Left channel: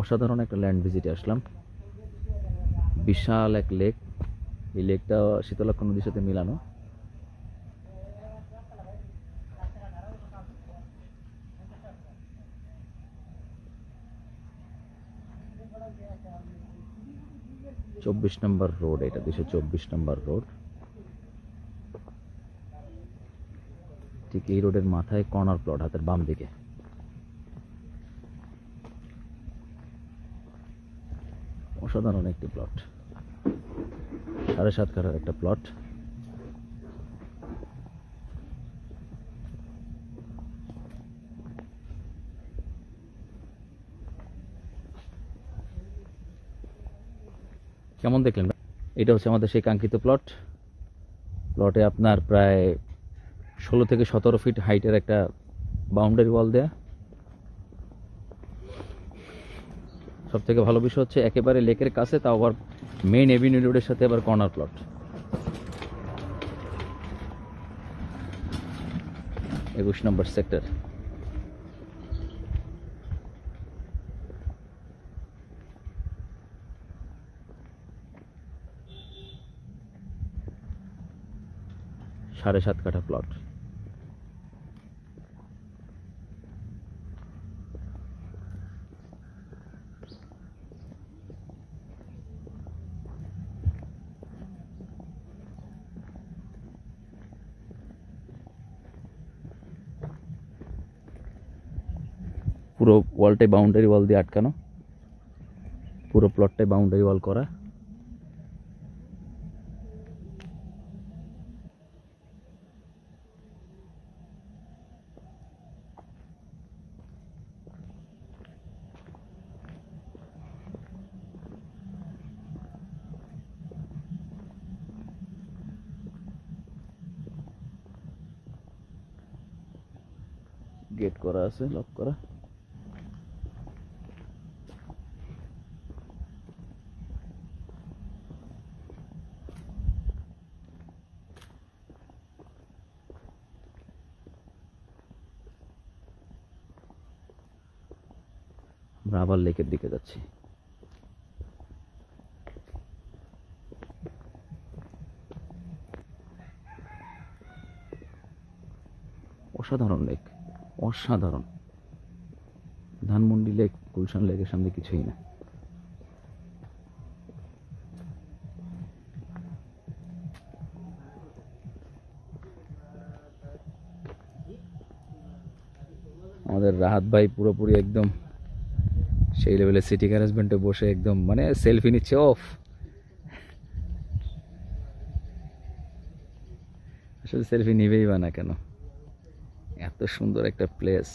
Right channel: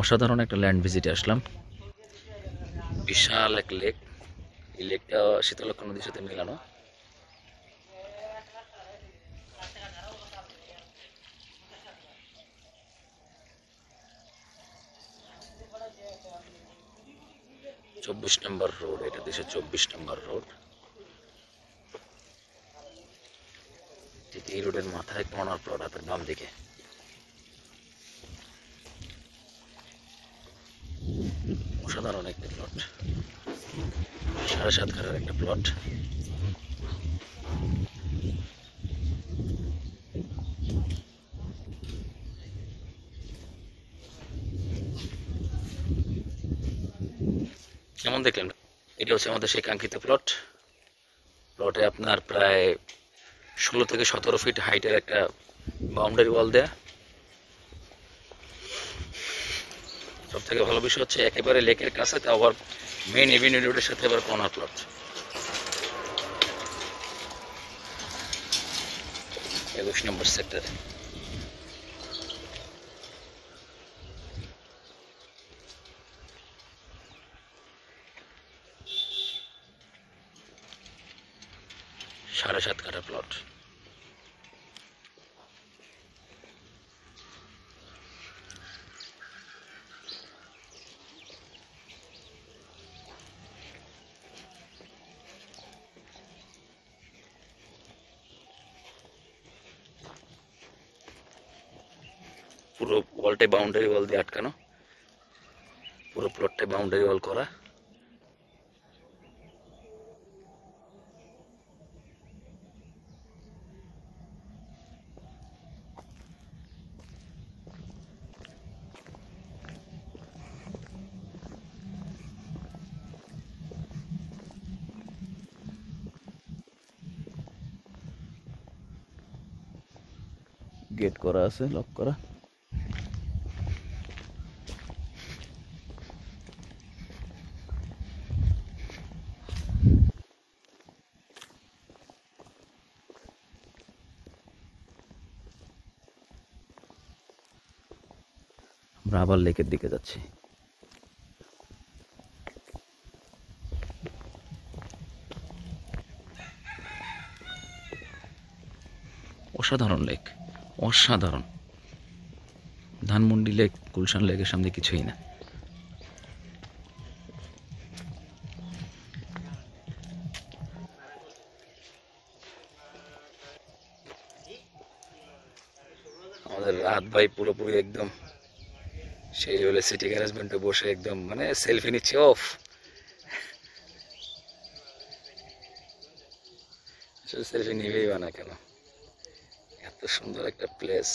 অসাধারণ একটা ল্যান্ড ভিজিটে আসলাম। বিশাল এক লেক, এই লেকটা শীতলক্ষ্যা নদীর সাথে মিলানো। চব্বিশ নম্বর রোড, এটা 224 নম্বর রোড। ঠিক এই রোডের মাথায় কর্নার প্লট, হাতের বাম দিকে। অসাধারণ একটি প্লট, 7.5 কাঠার একটা প্লট। কেমন দেখলেন? এটা হচ্ছে আমাদের সেই কাঙ্ক্ষিত প্লট। প্লটে আপনার প্রায় 16 থেকে 17 ফিট হাইটের একটা বাউন্ডারি ওয়াল দেয়া। সব থেকে ভালো বিষয় হচ্ছে একেবারে লেকের কাছে, তাও আবার মেইন এভিনিউ রোডের সাথে আবার কর্নার প্লট। 21 নম্বর সেক্টর। সাড়ে 7 কাঠা প্লট। পুরো ওয়ালটাই বাউন্ডারি ওয়াল দিয়ে আটকানো, পুরো প্লটটাই বাউন্ডারি ওয়াল করা। গেট করা আছে, লক করা। আমরা আবার লেকের দিকে যাচ্ছি। অসাধারণ লেক, অসাধারণ। ধানমন্ডি লেক, গুলশান লেকের সামনে কিছুই না। আমাদের রাহাত ভাই পুরোপুরি একদম সেই লেভেলে সিটি গ্যারেজমেন্টে বসে একদম মানে সেলফি নিচ্ছে। অফ, আসলে সেলফি নিবেই বা না কেন, এত সুন্দর একটা প্লেস।